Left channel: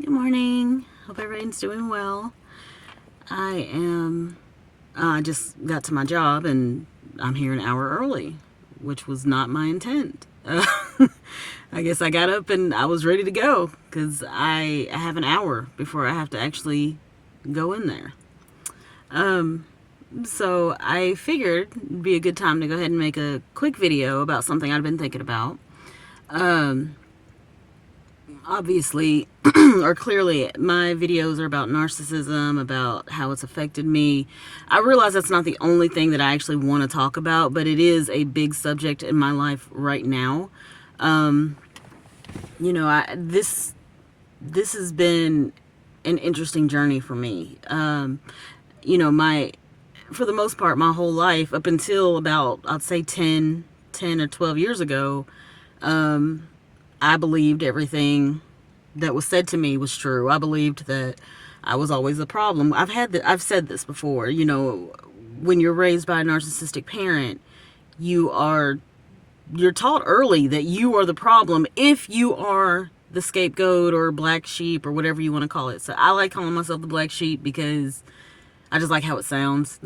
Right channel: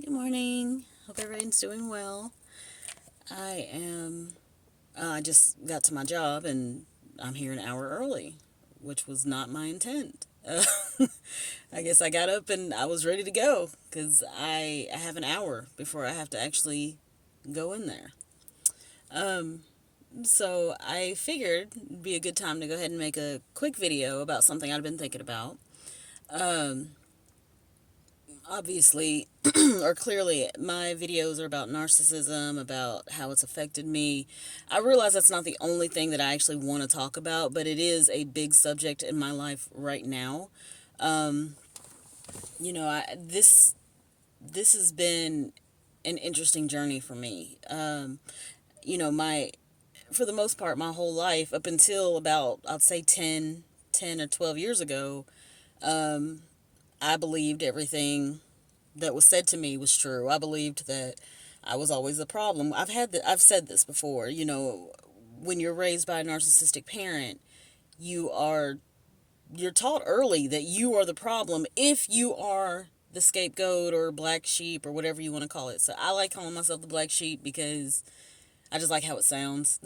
Good morning. Hope everyone's doing well. I just got to my job and I'm here an hour early, which was not my intent. I guess I got up and I was ready to go because I have an hour before I have to actually go in there. Um, so I figured it'd be a good time to go ahead and make a quick video about something I've been thinking about. Um, Obviously, or clearly, my videos are about narcissism, about how it's affected me. I realize that's not the only thing that I actually want to talk about, but it is a big subject in my life right now. Um, this has been an interesting journey for me. My for the most part, my whole life up until about I'd say 10 or 12 years ago, I believed everything that was said to me was true. I believed that I was always the problem. I've said this before. When you're raised by a narcissistic parent, you're taught early that you are the problem if you are the scapegoat or black sheep or whatever you want to call it. So I like calling myself the black sheep because I just like how it sounds.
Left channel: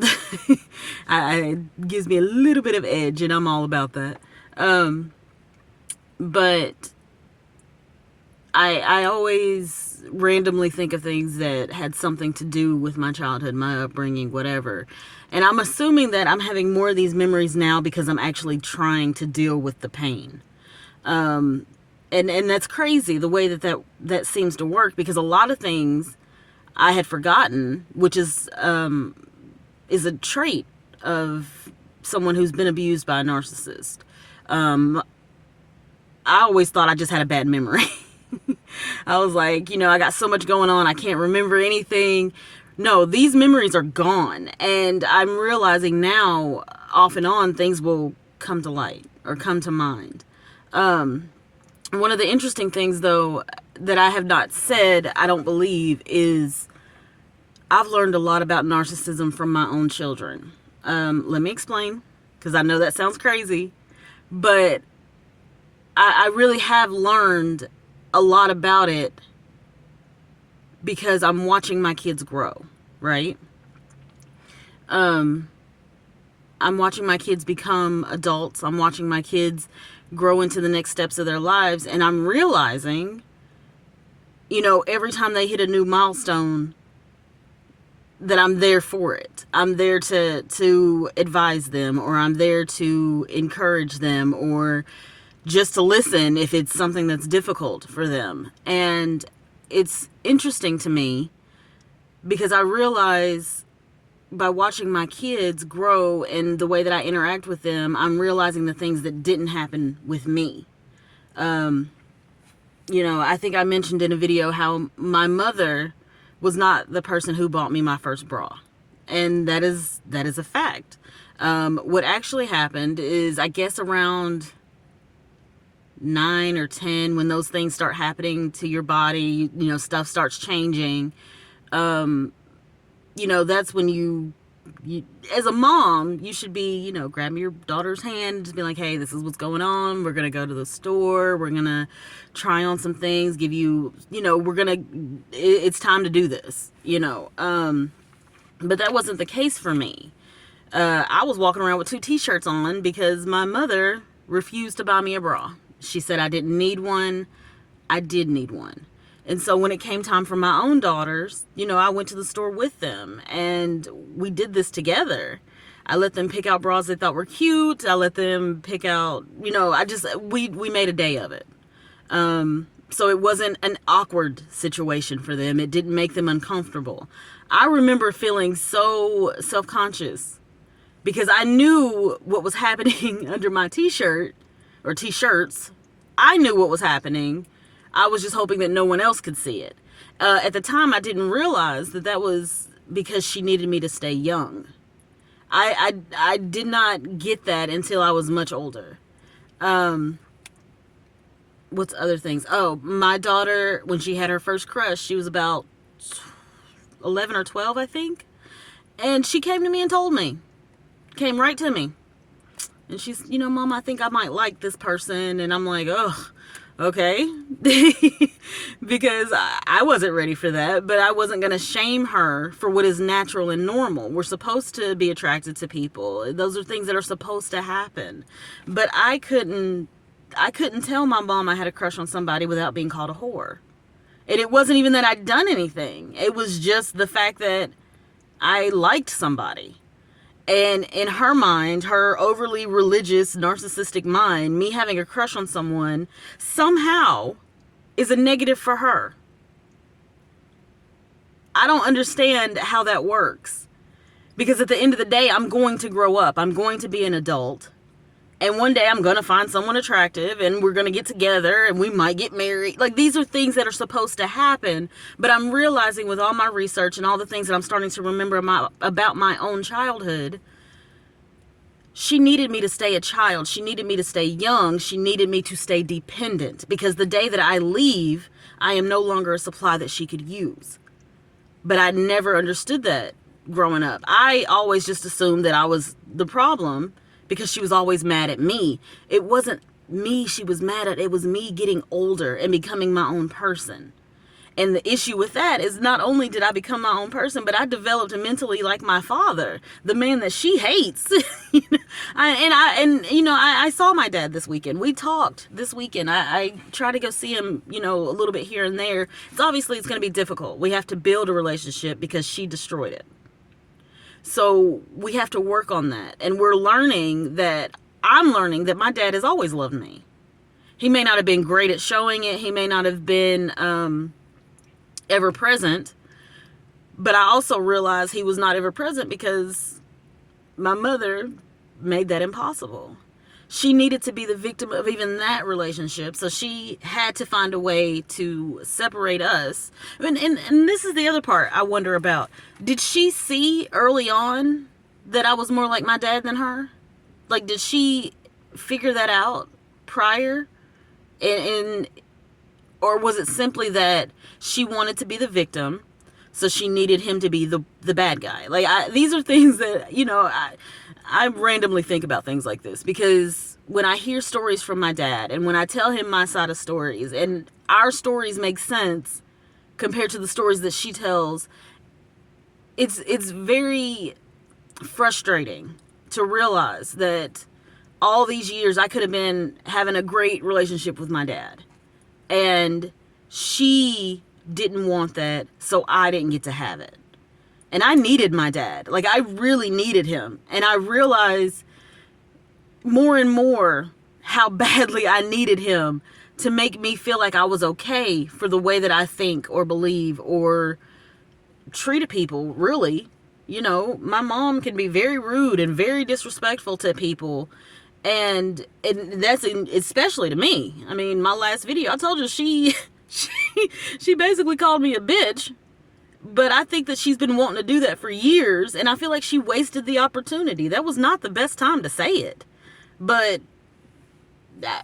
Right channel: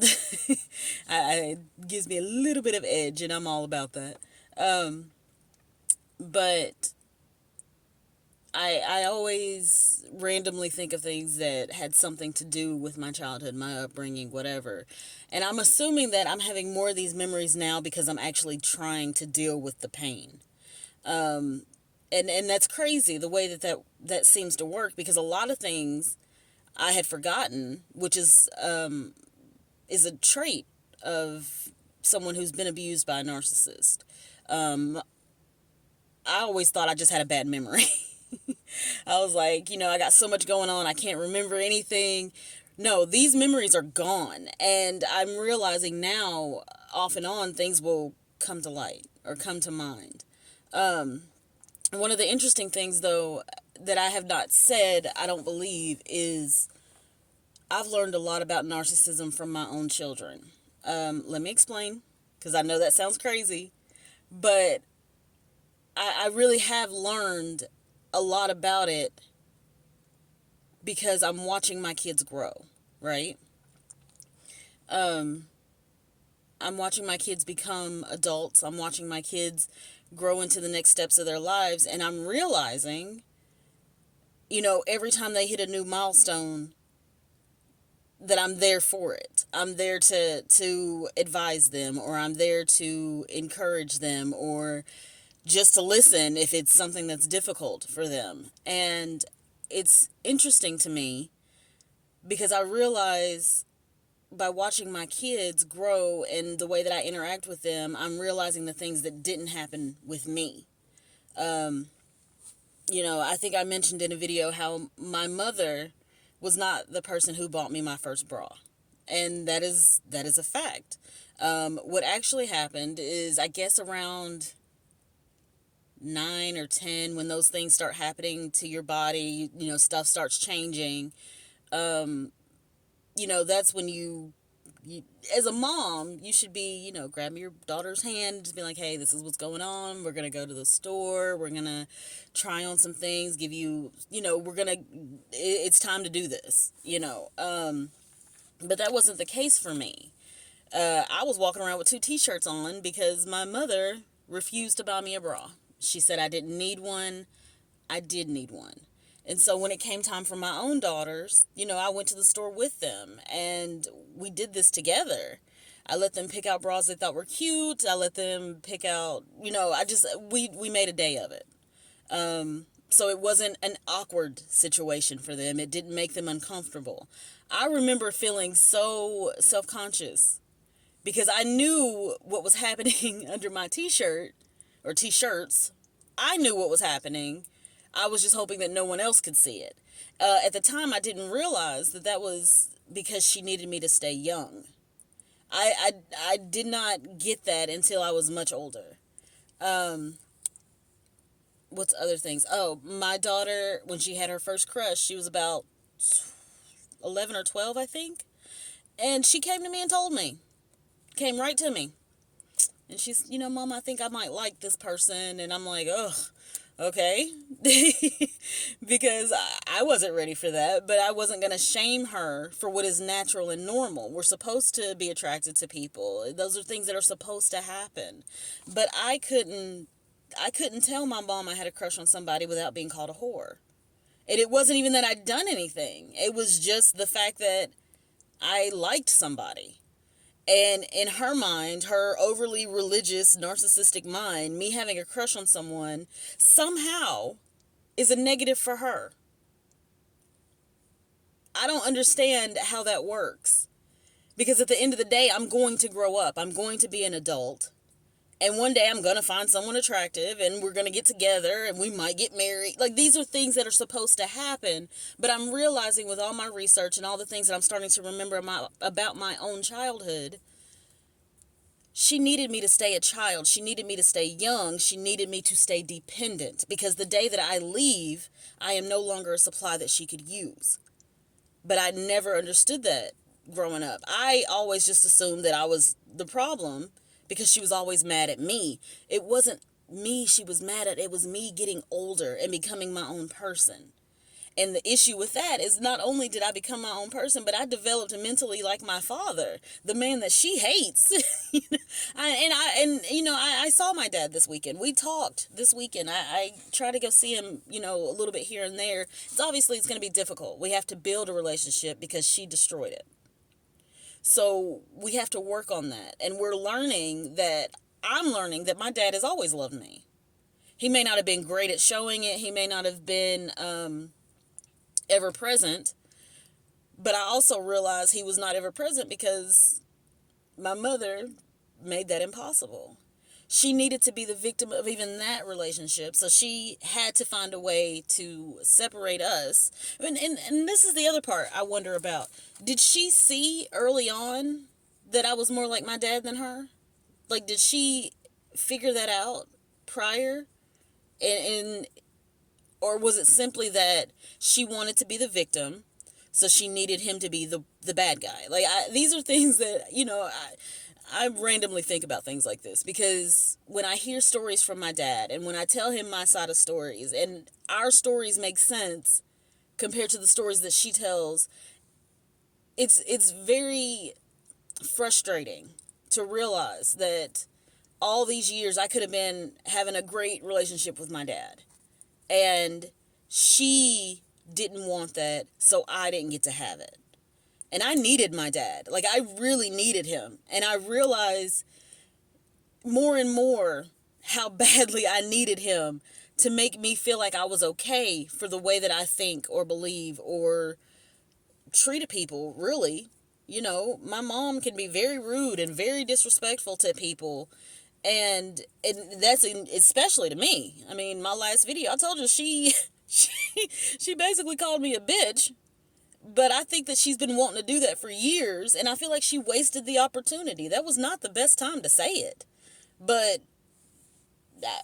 It gives me a little bit of edge, and I'm all about that. But I always randomly think of things that had something to do with my childhood, my upbringing, whatever. And I'm assuming that I'm having more of these memories now because I'm actually trying to deal with the pain. And that's crazy the way that seems to work, because a lot of things I had forgotten, which is a trait of someone who's been abused by a narcissist. I always thought I just had a bad memory. I was like, I got so much going on, I can't remember anything. No, these memories are gone. And I'm realizing now, off and on, things will come to light or come to mind. One of the interesting things, though, that I have not said, I don't believe, is I've learned a lot about narcissism from my own children. Let me explain, because I know that sounds crazy, but I really have learned a lot about it because I'm watching my kids grow, right? I'm watching my kids become adults. I'm watching my kids grow into the next steps of their lives, and I'm realizing, every time they hit a new milestone, that I'm there for it. I'm there to advise them, or I'm there to encourage them, or just to listen if it's something that's difficult for them. And it's interesting to me because I realize by watching my kids grow and the way that I interact with them, I'm realizing the things that didn't happen with me. I think I mentioned in a video how my mother was not the person who bought me my first bra. And that is a fact. What actually happened is, I guess around 9 or 10, when those things start happening to your body, stuff starts changing. That's when you as a mom, you should be, grabbing your daughter's hand and just be like, hey, this is what's going on. We're going to go to the store. We're going to try on some things, give you, it's time to do this, But that wasn't the case for me. I was walking around with 2 t-shirts on because my mother refused to buy me a bra. She said I didn't need one. I did need one. And so when it came time for my own daughters, I went to the store with them and we did this together. I let them pick out bras they thought were cute. I let them pick out, we made a day of it. So it wasn't an awkward situation for them. It didn't make them uncomfortable. I remember feeling so self-conscious because I knew what was happening under my t-shirt or t-shirts. I knew what was happening. I was just hoping that no one else could see it. At the time, I didn't realize that was because she needed me to stay young. I did not get that until I was much older. What's other things? Oh, my daughter, when she had her first crush, she was about 11 or 12, I think. And she came to me and told me. Came right to me. And she's, Mom, I think I might like this person. And I'm like, ugh. Okay? Because I wasn't ready for that, but I wasn't going to shame her for what is natural and normal. We're supposed to be attracted to people. Those are things that are supposed to happen. But I couldn't tell my mom I had a crush on somebody without being called a whore. And it wasn't even that I'd done anything. It was just the fact that I liked somebody. And in her mind, her overly religious, narcissistic mind, me having a crush on someone somehow is a negative for her. I don't understand how that works. Because at the end of the day, I'm going to grow up. I'm going to be an adult. And one day I'm going to find someone attractive and we're going to get together and we might get married. Like, these are things that are supposed to happen. But I'm realizing with all my research and all the things that I'm starting to remember about my own childhood, she needed me to stay a child. She needed me to stay young. She needed me to stay dependent. Because the day that I leave, I am no longer a supply that she could use. But I never understood that growing up. I always just assumed that I was the problem because she was always mad at me. It wasn't me she was mad at. It was me getting older and becoming my own person. And the issue with that is not only did I become my own person, but I developed mentally like my father, the man that she hates. I saw my dad this weekend. We talked this weekend. I try to go see him, a little bit here and there. It's going to be difficult. We have to build a relationship because she destroyed it. So we have to work on that. And I'm learning that my dad has always loved me. He may not have been great at showing it. He may not have been ever present. But I also realize he was not ever present because my mother made that impossible. She needed to be the victim of even that relationship. So she had to find a way to separate us. And this is the other part I wonder about. Did she see early on that I was more like my dad than her? Like, did she figure that out prior? Or was it simply that she wanted to be the victim, so she needed him to be the bad guy? Like, these are things that, I randomly think about things like this because when I hear stories from my dad and when I tell him my side of stories and our stories make sense compared to the stories that she tells, it's very frustrating to realize that all these years I could have been having a great relationship with my dad. And she didn't want that, so I didn't get to have it. And I needed my dad. Like, I really needed him. And I realized more and more how badly I needed him to make me feel like I was okay for the way that I think or believe or treated people, really. My mom can be very rude and very disrespectful to people. And that's especially to me. I mean, my last video, I told you she basically called me a bitch. But I think that she's been wanting to do that for years, and I feel like she wasted the opportunity. That was not the best time to say it. But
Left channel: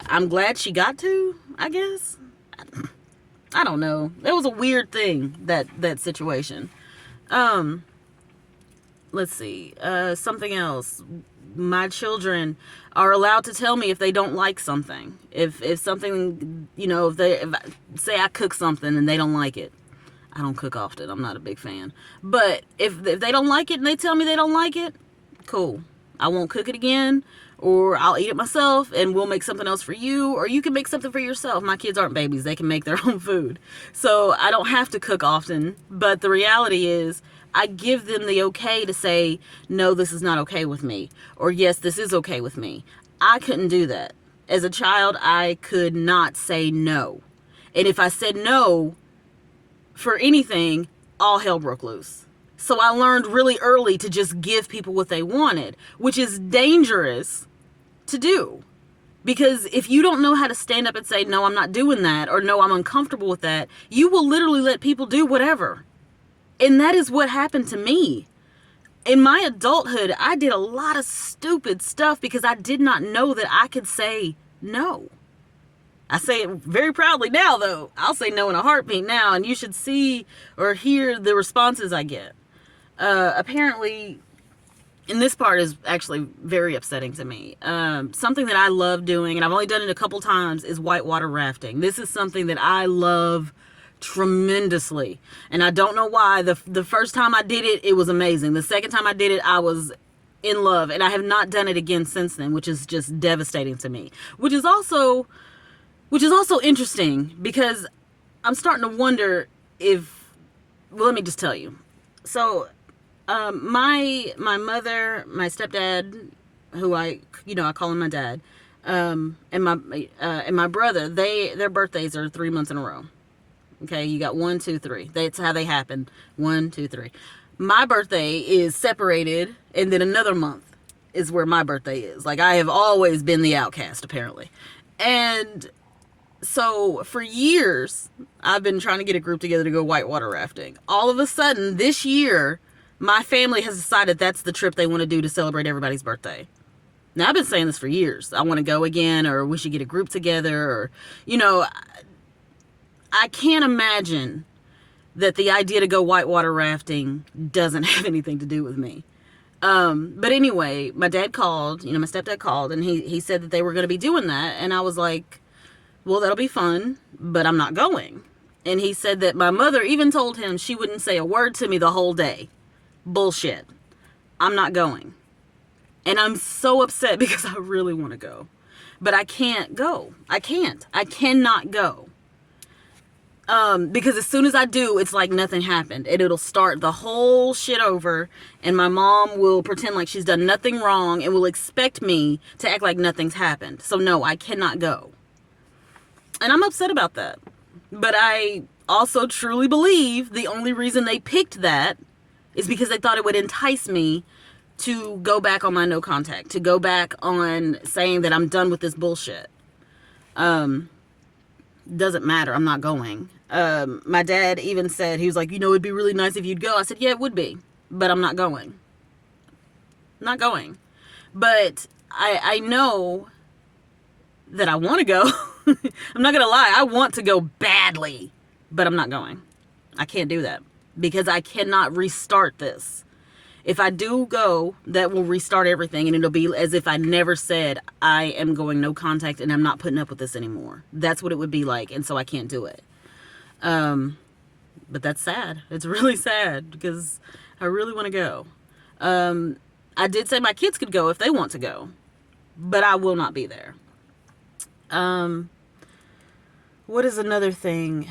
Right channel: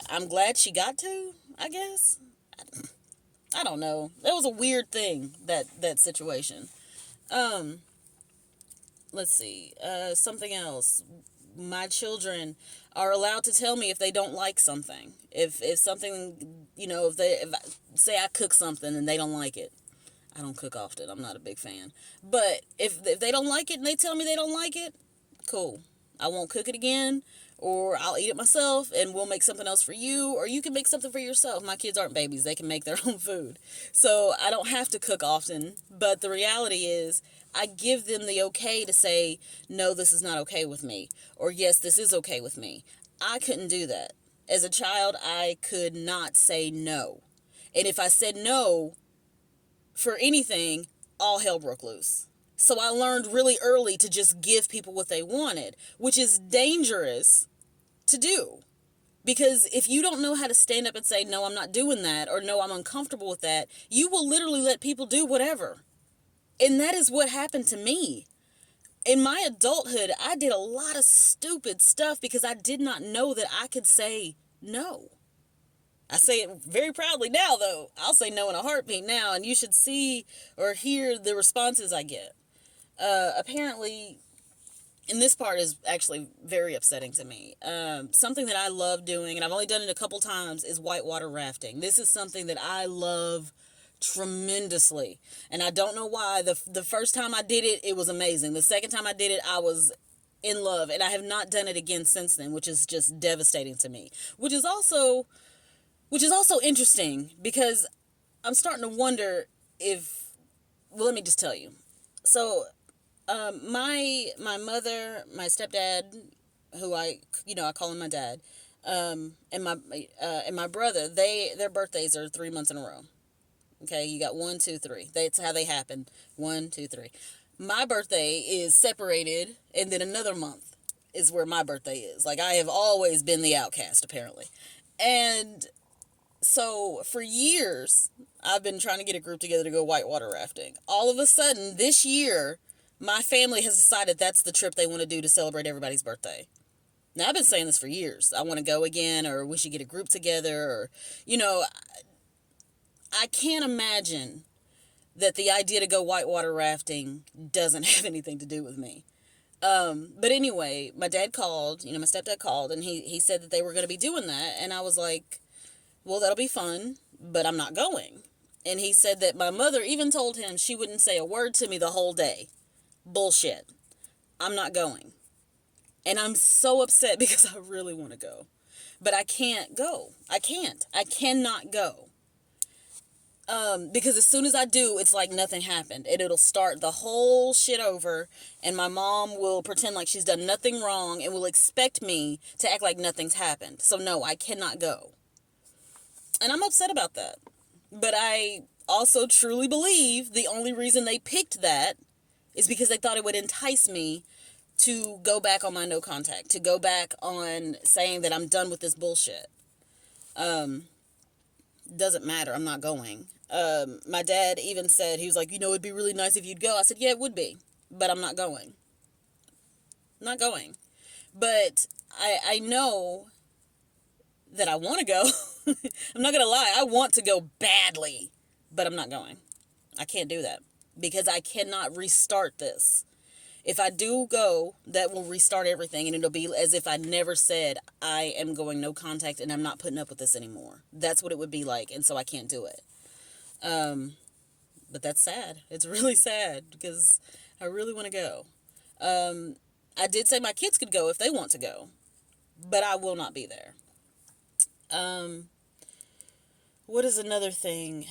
I'm glad she got to, I guess. I don't know. That was a weird thing, that situation. Let's see. Something else. My children are allowed to tell me if they don't like something. If something, say I cook something and they don't like it. I don't cook often. I'm not a big fan. But if they don't like it and they tell me they don't like it, cool. I won't cook it again, or I'll eat it myself and we'll make something else for you, or you can make something for yourself. My kids aren't babies. They can make their own food. So I don't have to cook often. But the reality is I give them the okay to say, no, this is not okay with me, or yes, this is okay with me. I couldn't do that. As a child, I could not say no. And if I said no for anything, all hell broke loose. So I learned really early to just give people what they wanted, which is dangerous to do. Because if you don't know how to stand up and say, no, I'm not doing that, or no, I'm uncomfortable with that, you will literally let people do whatever. And that is what happened to me. In my adulthood, I did a lot of stupid stuff because I did not know that I could say no. I say it very proudly now, though. I'll say no in a heartbeat now, and you should see or hear the responses I get. Apparently, and this part is actually very upsetting to me. Something that I love doing, and I've only done it a couple times, is whitewater rafting. This is something that I love tremendously, and I don't know why. The first time I did it, it was amazing. The second time I did it, I was in love, and I have not done it again since then, which is just devastating to me. Which is also interesting, because I'm starting to wonder if, well, let me just tell you. So, my mother, my stepdad, who I call him my dad, and my brother, their birthdays are 3 months in a row. Okay, you got 1, 2, 3. That's how they happen. 1, 2, 3. My birthday is separated, and then another month is where my birthday is. Like, I have always been the outcast, apparently. And so for years, I've been trying to get a group together to go whitewater rafting. All of a sudden, this year, my family has decided that's the trip they want to do to celebrate everybody's birthday. Now, I've been saying this for years. I want to go again, or we should get a group together, or, I can't imagine that the idea to go whitewater rafting doesn't have anything to do with me. But anyway, my dad called, my stepdad called, and he said that they were going to be doing that. And I was like, well, that'll be fun, but I'm not going. And he said that my mother even told him she wouldn't say a word to me the whole day. Bullshit. I'm not going. And I'm so upset because I really want to go. But I can't go. I cannot go. Because as soon as I do, it's like nothing happened. And it'll start the whole shit over. And my mom will pretend like she's done nothing wrong and will expect me to act like nothing's happened. So no, I cannot go. And I'm upset about that. But I also truly believe the only reason they picked that is because they thought it would entice me to go back on my no contact, to go back on saying that I'm done with this bullshit. Doesn't matter. I'm not going. My dad even said, he was like, it'd be really nice if you'd go. I said, yeah, it would be, but I'm not going. Not going. But I know that I want to go. I'm not going to lie. I want to go badly, but I'm not going. I can't do that because I cannot restart this. If I do go, that will restart everything, and it'll be as if I never said I am going no contact and I'm not putting up with this anymore. That's what it would be like, and so I can't do it. But that's sad. It's really sad because I really want to go. I did say my kids could go if they want to go, but I will not be there. What is another thing?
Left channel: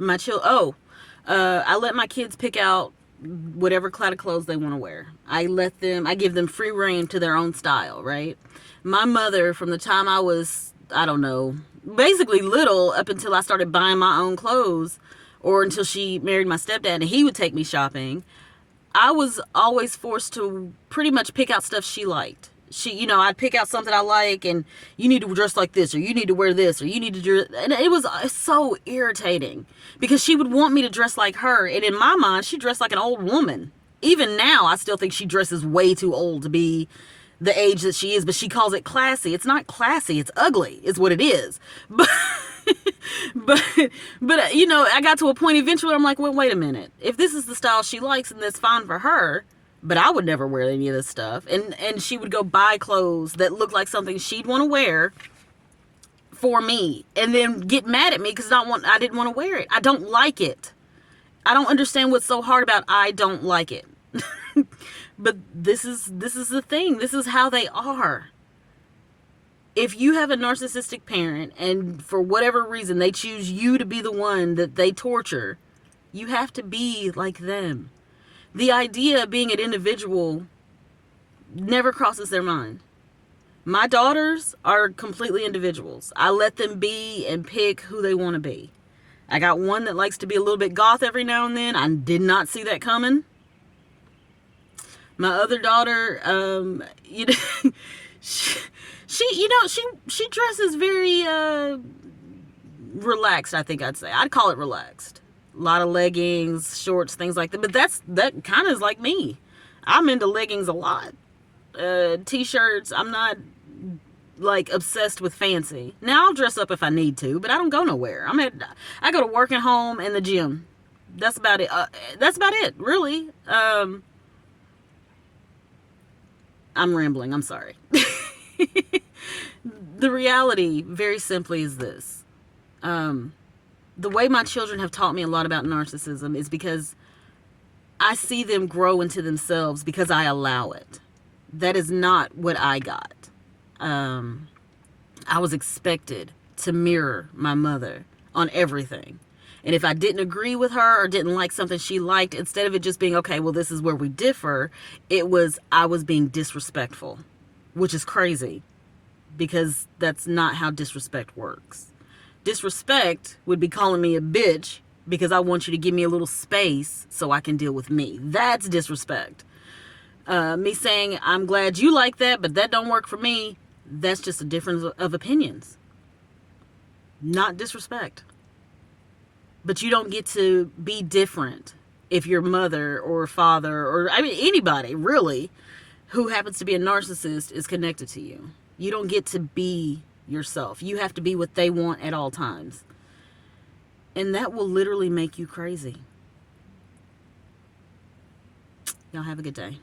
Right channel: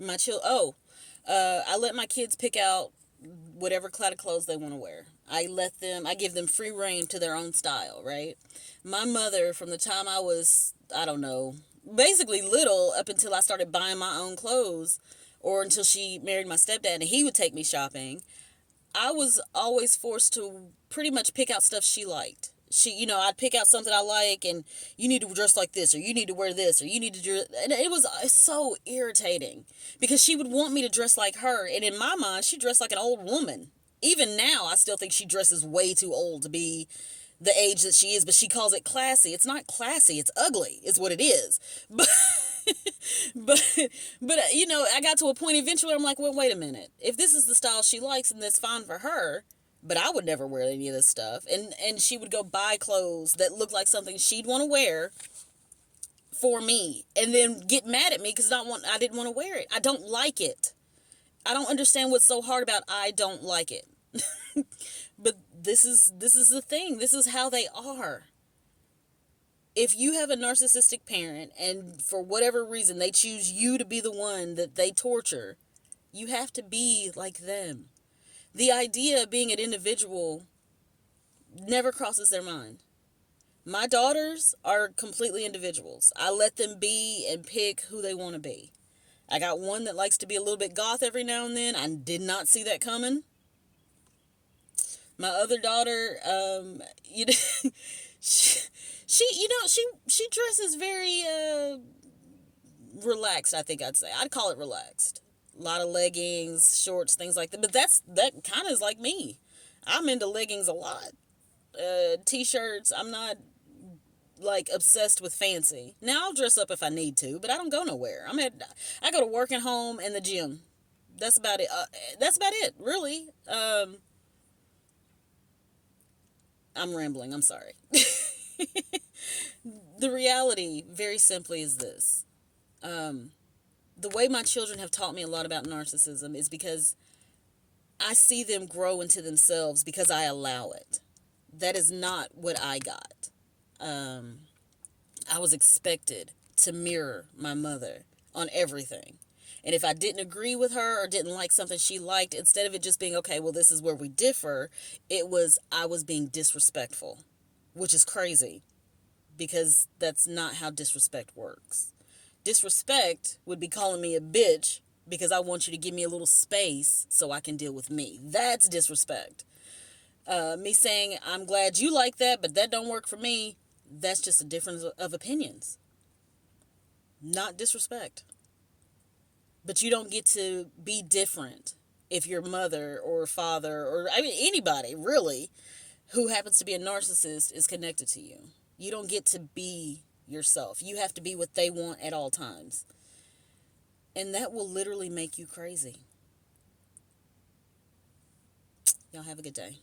I let my kids pick out whatever cloud of clothes they want to wear. I give them free reign to their own style, right? My mother, from the time I was, basically little up until I started buying my own clothes, or until she married my stepdad and he would take me shopping, I was always forced to pretty much pick out stuff she liked. I'd pick out something I like, and you need to dress like this, or you need to wear this, or you need to dress, and it was so irritating because she would want me to dress like her, and in my mind, she dressed like an old woman. Even now, I still think she dresses way too old to be the age that she is, but she calls it classy. It's not classy, it's ugly, is what it is. But, I got to a point eventually where I'm like, well, wait a minute. If this is the style she likes, and that's fine for her, but I would never wear any of this stuff. And she would go buy clothes that looked like something she'd want to wear for me, and then get mad at me because I didn't want to wear it. I don't like it. I don't understand what's so hard about I don't like it. But this is the thing. This is how they are. If you have a narcissistic parent and for whatever reason they choose you to be the one that they torture, you have to be like them. The idea of being an individual never crosses their mind. My daughters are completely individuals. I let them be and pick who they want to be. I got one that likes to be a little bit goth every now and then. I did not see that coming. My other daughter, she dresses very relaxed, I think I'd say. I'd call it relaxed. A lot of leggings, shorts, things like that. But that kind of is like me. I'm into leggings a lot. T-shirts. I'm not like obsessed with fancy. Now I'll dress up if I need to, but I don't go nowhere. I go to work at home and the gym. That's about it. That's about it, really. I'm rambling. I'm sorry. The reality, very simply, is this. The way my children have taught me a lot about narcissism is because I see them grow into themselves because I allow it. That is not what I got. I was expected to mirror my mother on everything. And if I didn't agree with her or didn't like something she liked, instead of it just being, okay, well, this is where we differ, it was, I was being disrespectful, which is crazy because that's not how disrespect works. Disrespect would be calling me a bitch because I want you to give me a little space so I can deal with me. That's disrespect. Me saying, I'm glad you like that, but that don't work for me, that's just a difference of opinions. Not disrespect. But you don't get to be different if your mother or father or, I mean, anybody, really, who happens to be a narcissist is connected to you. You don't get to be yourself. You have to be what they want at all times. And that will literally make you crazy. Y'all have a good day.